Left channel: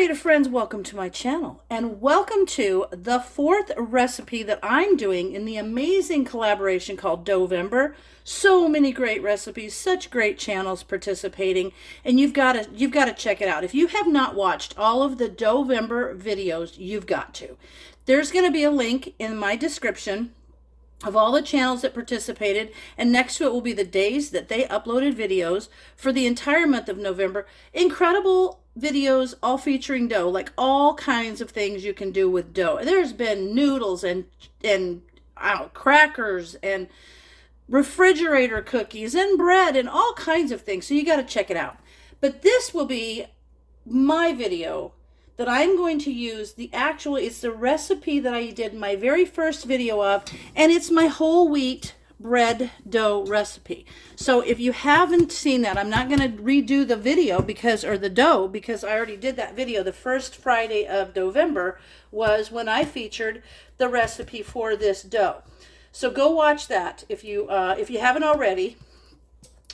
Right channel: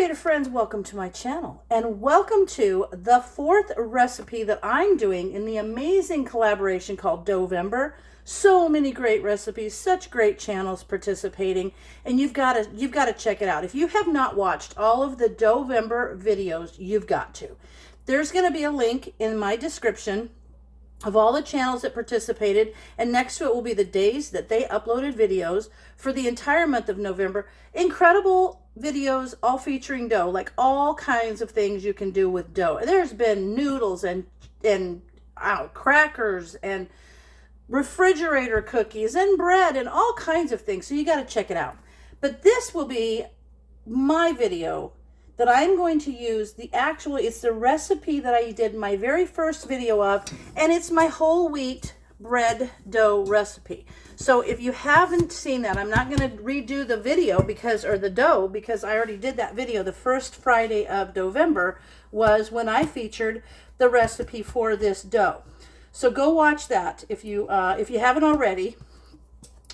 creative friends, welcome to my channel and welcome to the fourth recipe that I'm doing in the amazing collaboration called DoughVember. So many great recipes, such great channels participating, and you've got to check it out. If you have not watched all of the DoughVember videos, you've got to. There's going to be a link in my description of all the channels that participated, and next to it will be the days that they uploaded videos for the entire month of November. Incredible videos, all featuring dough, like all kinds of things you can do with dough. There's been noodles and crackers and refrigerator cookies and bread and all kinds of things, so you got to check it out. But this will be my video that I'm going to use it's the recipe that I did my very first video of, and it's my whole wheat bread dough recipe. So if you haven't seen that, I'm not going to redo the video because I already did that video. The first Friday of November was when I featured the recipe for this dough. So go watch that if you haven't already.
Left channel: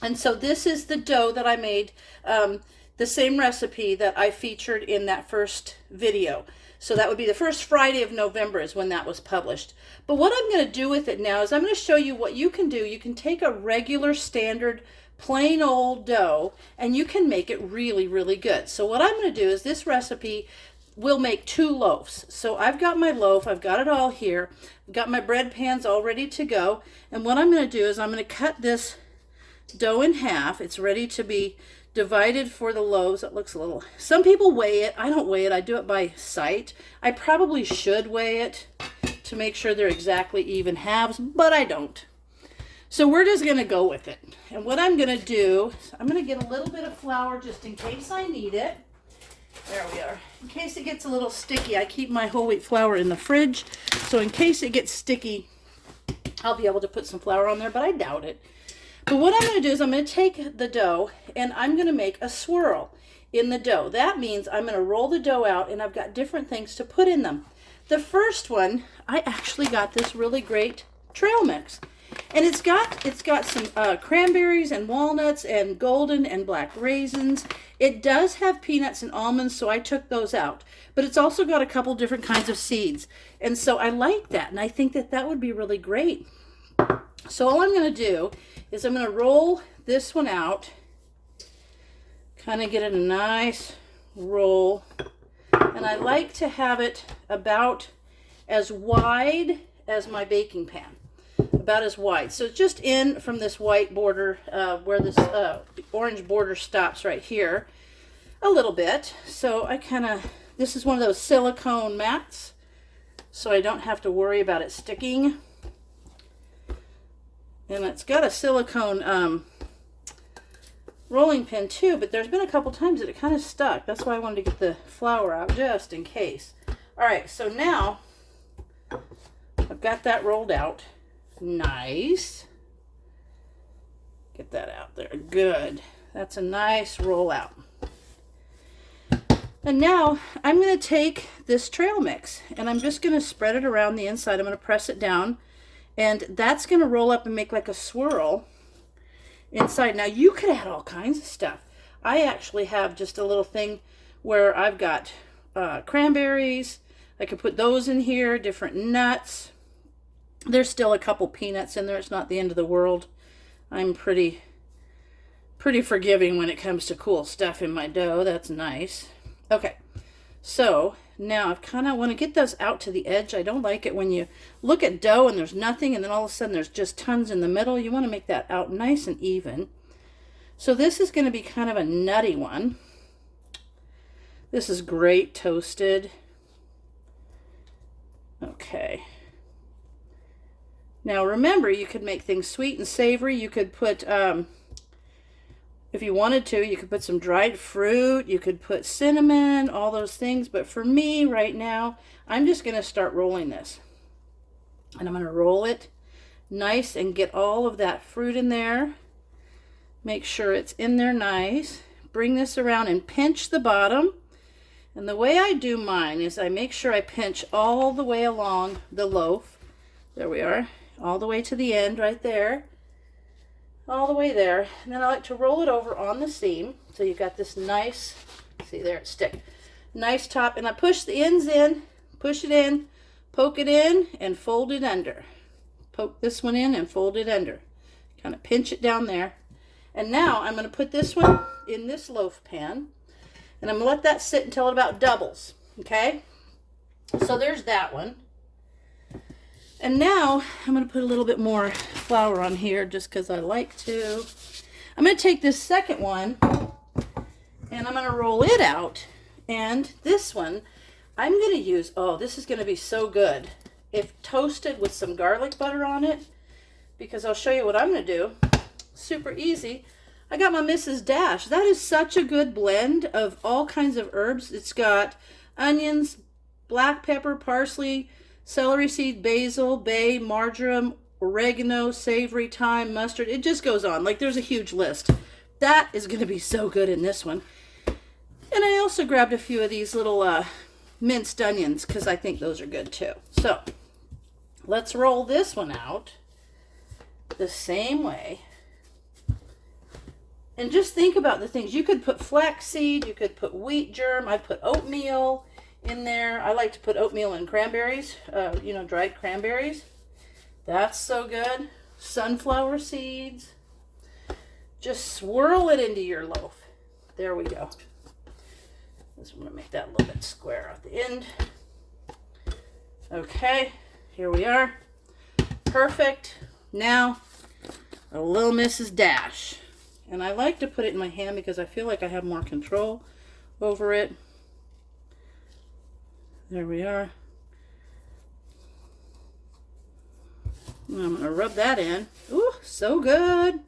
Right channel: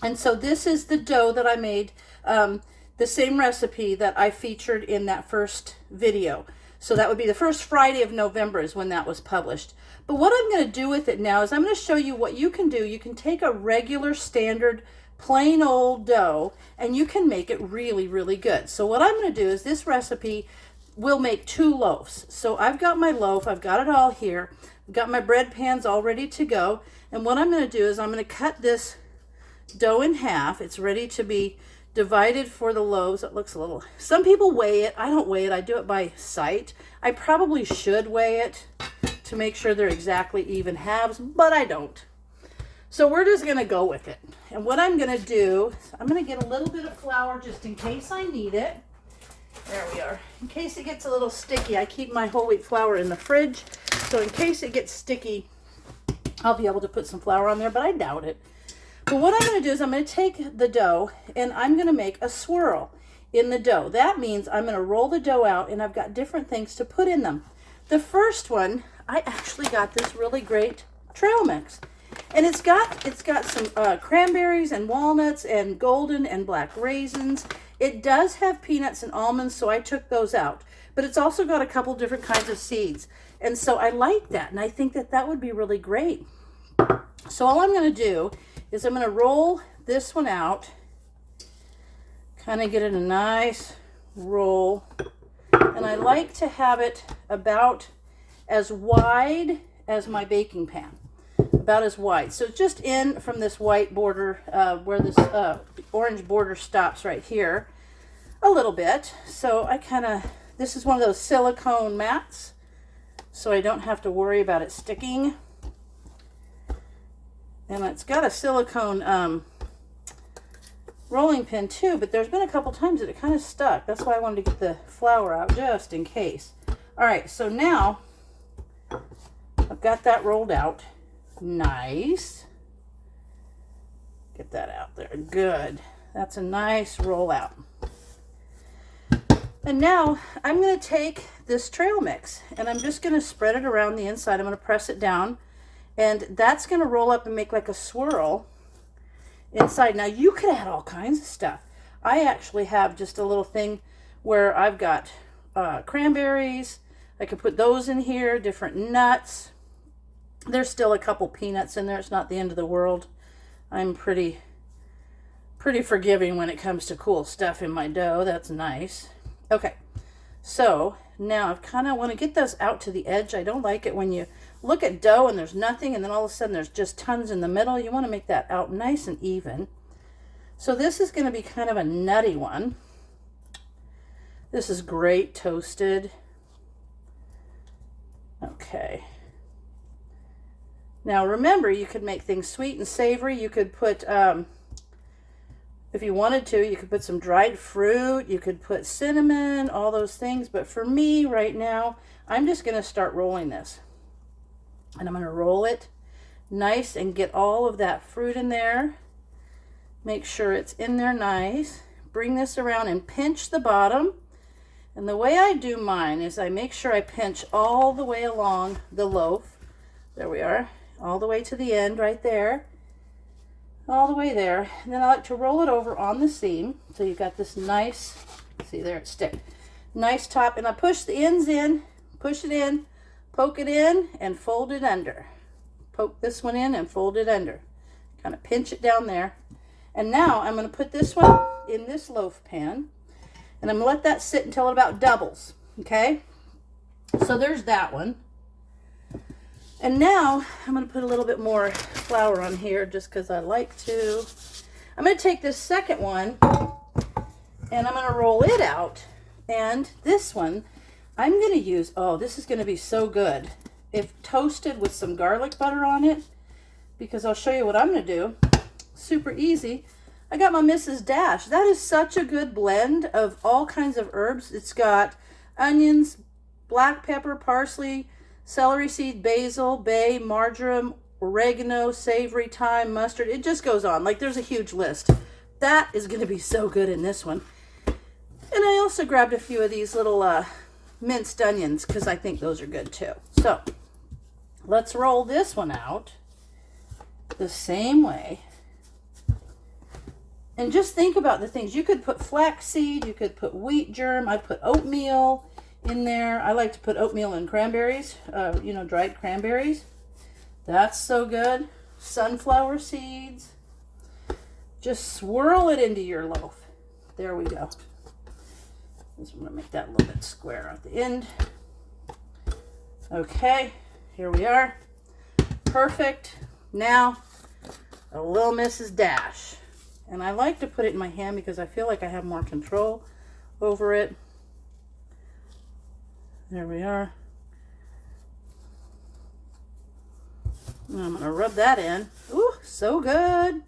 And so this is the dough that I made, the same recipe that I featured in that first video. So that would be the first Friday of November is when that was published. But what I'm going to do with it now is I'm going to show you what you can do. You can take a regular standard plain old dough and you can make it really, really good. So what I'm going to do is this recipe will make 2 loaves. So I've got my loaf, I've got it all here. I've got my bread pans all ready to go. And what I'm going to do is I'm going to cut this dough in half. It's ready to be divided for the loaves. It looks a little, some people weigh it. I don't weigh it. I do it by sight. I probably should weigh it to make sure they're exactly even halves, but I don't. So we're just going to go with it. And what I'm going to do is I'm going to get a little bit of flour just in case I need it. There we are. In case it gets a little sticky, I keep my whole wheat flour in the fridge. So in case it gets sticky, I'll be able to put some flour on there, but I doubt it. But what I'm going to do is I'm going to take the dough and I'm going to make a swirl in the dough. That means I'm going to roll the dough out and I've got different things to put in them. The first one, I actually got this really great trail mix. And it's got some cranberries and walnuts and golden and black raisins. It does have peanuts and almonds, so I took those out. But it's also got a couple different kinds of seeds. And so I like that, and I think that that would be really great. So all I'm going to do is I'm going to roll this one out, kind of get it a nice roll. And I like to have it about as wide as my baking pan. About as wide. So just in from this white border where this orange border stops right here a little bit. So this is one of those silicone mats, so I don't have to worry about it sticking. And it's got a silicone rolling pin too, but there's been a couple times that it kind of stuck. That's why I wanted to get the flour out just in case. All right, so now I've got that rolled out. Nice. Get that out there. Good. That's a nice roll out. And now I'm going to take this trail mix and I'm just going to spread it around the inside. I'm going to press it down and that's going to roll up and make like a swirl inside. Now you could add all kinds of stuff. I actually have just a little thing where I've got cranberries. I could put those in here, different nuts. There's still a couple peanuts in there. It's not the end of the world. I'm pretty forgiving when it comes to cool stuff in my dough. That's nice. Okay, so now I kind of want to get those out to the edge. I don't like it when you look at dough and there's nothing and then all of a sudden there's just tons in the middle. You want to make that out nice and even. So this is going to be kind of a nutty one. This is great toasted. Okay. Now remember, you could make things sweet and savory. You could put, if you wanted to, you could put some dried fruit. You could put cinnamon, all those things. But for me right now, I'm just going to start rolling this. And I'm going to roll it nice and get all of that fruit in there. Make sure it's in there nice. Bring this around and pinch the bottom. And the way I do mine is I make sure I pinch all the way along the loaf. There we are. All the way to the end right there, all the way there. And then I like to roll it over on the seam. So you've got this nice, see there, it stick. Nice top. And I push the ends in, push it in, poke it in, and fold it under. Poke this one in and fold it under. Kind of pinch it down there. And now I'm going to put this one in this loaf pan. And I'm going to let that sit until it about doubles. Okay? So there's that one. And now I'm going to put a little bit more flour on here just because I like to. I'm going to take this second one and I'm going to roll it out. And this one I'm going to use, oh, this is going to be so good if toasted with some garlic butter on it, because I'll show you what I'm going to do. Super easy. I got my Mrs. Dash. That is such a good blend of all kinds of herbs. It's got onions, black pepper, parsley, celery seed, basil, bay, marjoram, oregano, savory, thyme, mustard. It just goes on. Like, there's a huge list. That is going to be so good in this one. And I also grabbed a few of these little minced onions because I think those are good too. So let's roll this one out the same way. And just think about the things. You could put flaxseed, you could put wheat germ. I put oatmeal in there. I like to put oatmeal and cranberries, you know, dried cranberries. That's so good. Sunflower seeds. Just swirl it into your loaf. There we go. Just want to make that a little bit square at the end. Okay, here we are. Perfect. Now, a little Mrs. Dash. And I like to put it in my hand because I feel like I have more control over it. There we are. And I'm going to rub that in. Ooh, so good.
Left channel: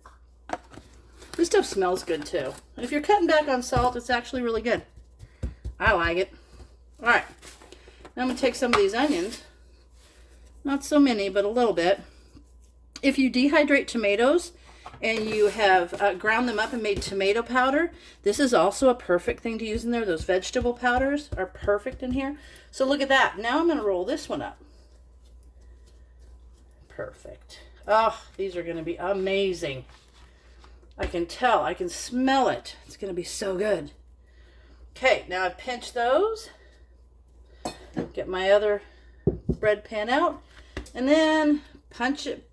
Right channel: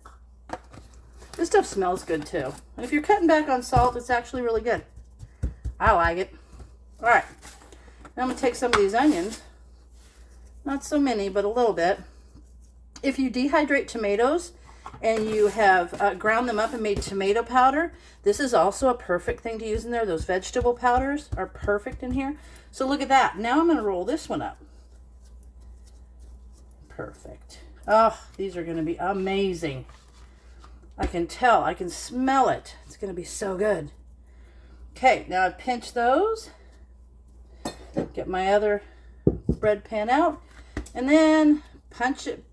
This stuff smells good too. And if you're cutting back on salt, it's actually really good. I like it. All right. Now I'm going to take some of these onions. Not so many, but a little bit. If you dehydrate tomatoes and you have ground them up and made tomato powder, this is also a perfect thing to use in there. Those vegetable powders are perfect in here. So look at that. Now I'm going to roll this one up. Perfect. Oh, these are going to be amazing. I can tell. I can smell it. It's going to be so good. Okay, now I've pinched those. Get my other bread pan out. And then punch it,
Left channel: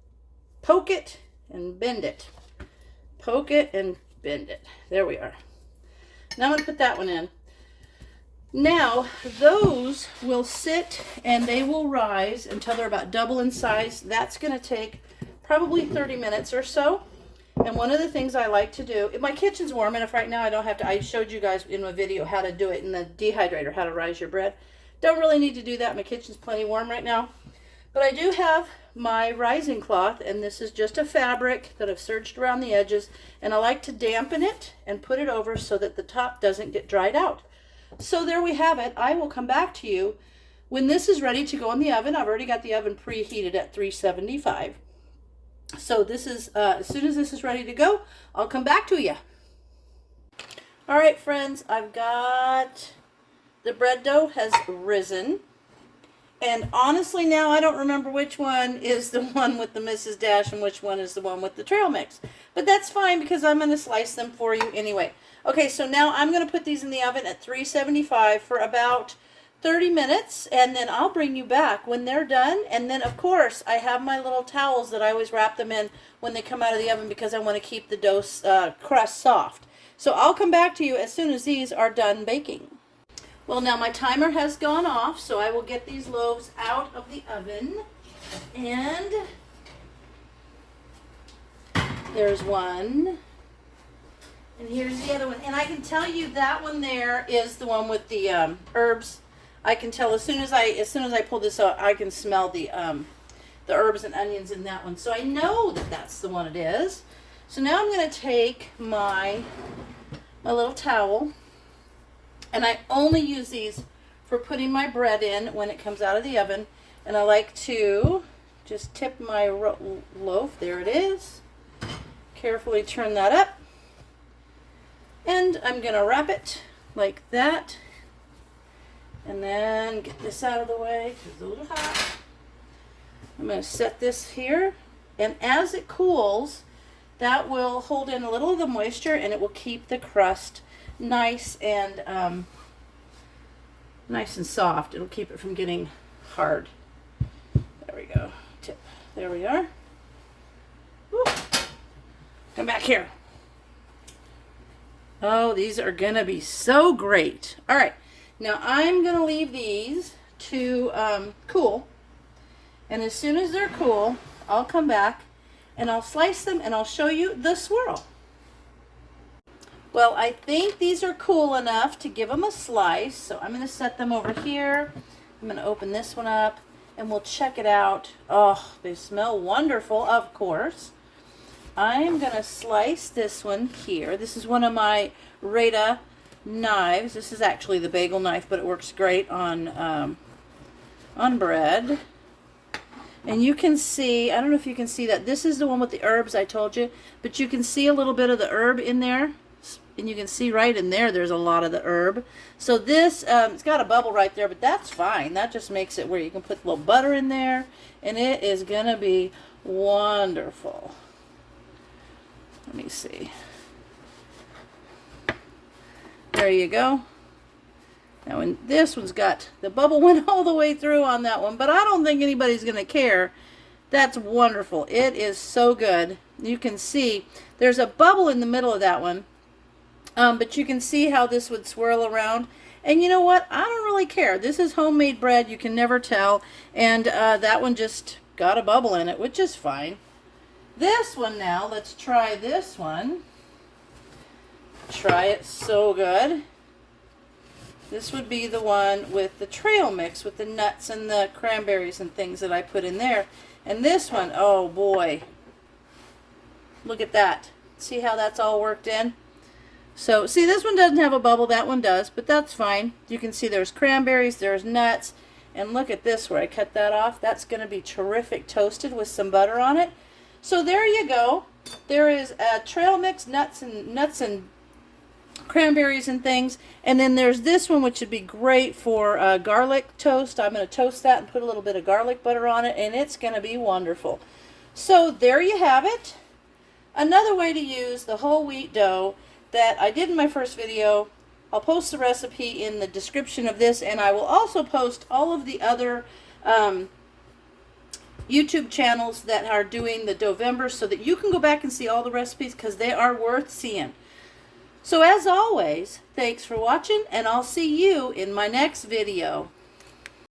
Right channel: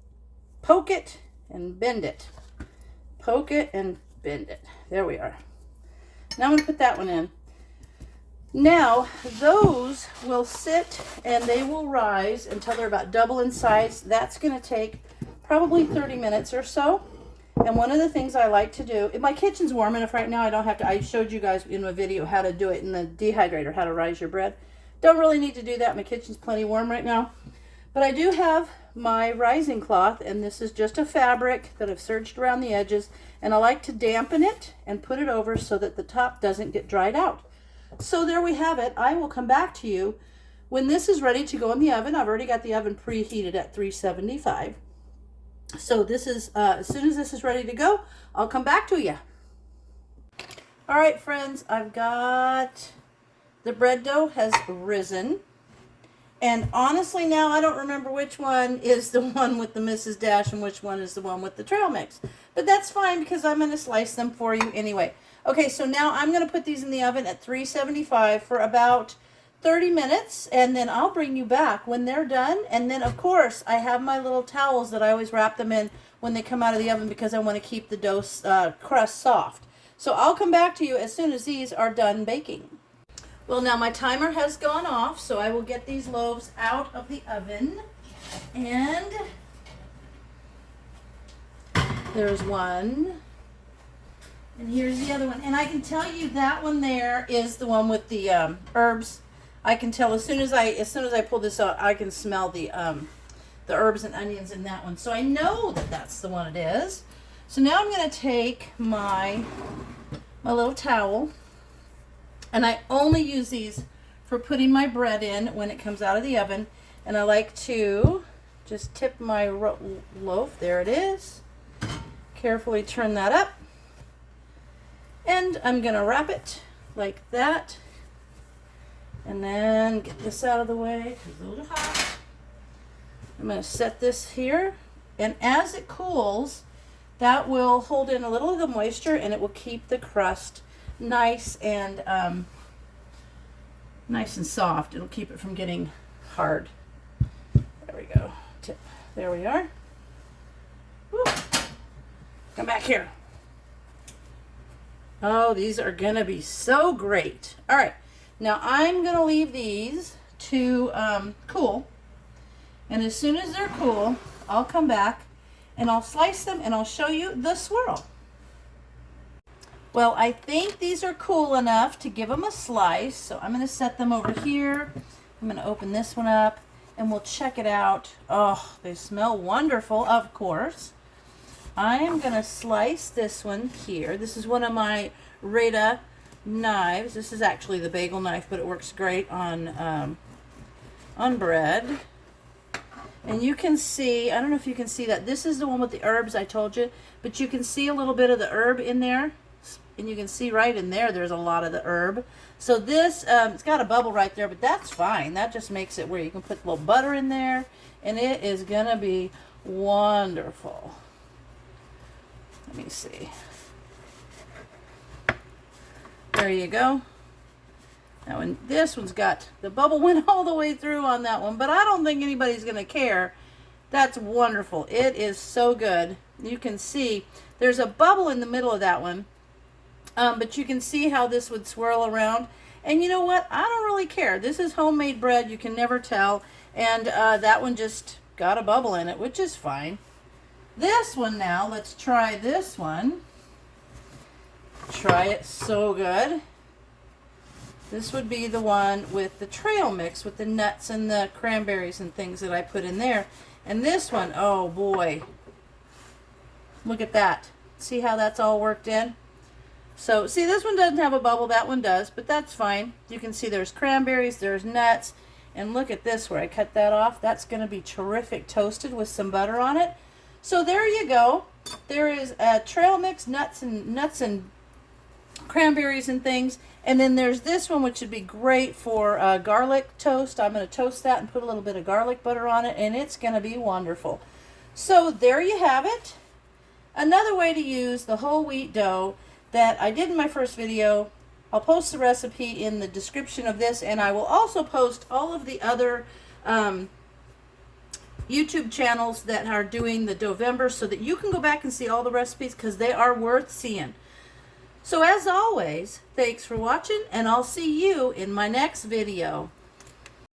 poke it, and bend it. Poke it and bend it. There we are. Now I'm going to put that one in. Now, those will sit and they will rise until they're about double in size. That's going to take probably 30 minutes or so. And one of the things I like to do, if my kitchen's warm enough right now, I don't have to, I showed you guys in a video how to do it in the dehydrator, how to rise your bread. Don't really need to do that. My kitchen's plenty warm right now. But I do have my rising cloth, and this is just a fabric that I've serged around the edges, and I like to dampen it and put it over so that the top doesn't get dried out. So there we have it. I will come back to you when this is ready to go in the oven. I've already got the oven preheated at 375. So this is, as soon as this is ready to go, I'll come back to you. All right, friends, I've got the bread dough has risen. And honestly now, I don't remember which one is the one with the Mrs. Dash and which one is the one with the trail mix. But that's fine because I'm going to slice them for you anyway. Okay, so now I'm going to put these in the oven at 375 for about 30 minutes, and then I'll bring you back when they're done. And then, of course, I have my little towels that I always wrap them in when they come out of the oven because I want to keep the dough crust soft. So I'll come back to you as soon as these are done baking. Well, now my timer has gone off, so I will get these loaves out of the oven. And there's one. And here's the other one. And I can tell you that one there is the one with the herbs. I can tell as soon as I pull this out, I can smell the herbs and onions in that one. So I know that that's the one it is. So now I'm going to take my little towel, and I only use these for putting my bread in when it comes out of the oven. And I like to just tip my loaf. There it is. Carefully turn that up. And I'm going to wrap it like that. And then get this out of the way because it's a little hot. I'm going to set this here. And as it cools, that will hold in a little of the moisture and it will keep the crust nice and nice and soft. It'll keep it from getting hard. There we go. Tip. There we are. Woo. Come back here. Oh, these are going to be so great. All right. Now I'm going to leave these to cool. And as soon as they're cool, I'll come back and I'll slice them and I'll show you the swirl. Well, I think these are cool enough to give them a slice. So I'm going to set them over here. I'm going to open this one up and we'll check it out. Oh, they smell wonderful, of course. I'm going to slice this one here. This is one of my Rita knives. This is actually the bagel knife, but it works great on bread. And you can see, I don't know if you can see that. This is the one with the herbs I told you, but you can see a little bit of the herb in there. And you can see right in there, there's a lot of the herb. So this, it's got a bubble right there, but that's fine. That just makes it where you can put a little butter in there, and it is going to be wonderful. Let me see. There you go. Now, and this one's got, the bubble went all the way through on that one, but I don't think anybody's going to care. That's wonderful. It is so good. You can see there's a bubble in the middle of that one, but you can see how this would swirl around. And you know what? I don't really care. This is homemade bread. You can never tell. And that one just got a bubble in it, which is fine. This one now, let's try this one. Try it so good. This would be the one with the trail mix with the nuts and the cranberries and things that I put in there. And this one, oh boy. Look at that. See how that's all worked in? So, see, this one doesn't have a bubble. That one does, but that's fine. You can see there's cranberries, there's nuts. And look at this where I cut that off. That's going to be terrific toasted with some butter on it. So there you go. There is a trail mix, nuts and cranberries and things. And then there's this one, which would be great for garlic toast. I'm going to toast that and put a little bit of garlic butter on it, and it's going to be wonderful. So there you have it. Another way to use the whole wheat dough that I did in my first video. I'll post the recipe in the description of this, and I will also post all of the other YouTube channels that are doing the DoughVember so that you can go back and see all the recipes because they are worth seeing. So as always, thanks for watching, and I'll see you in my next video.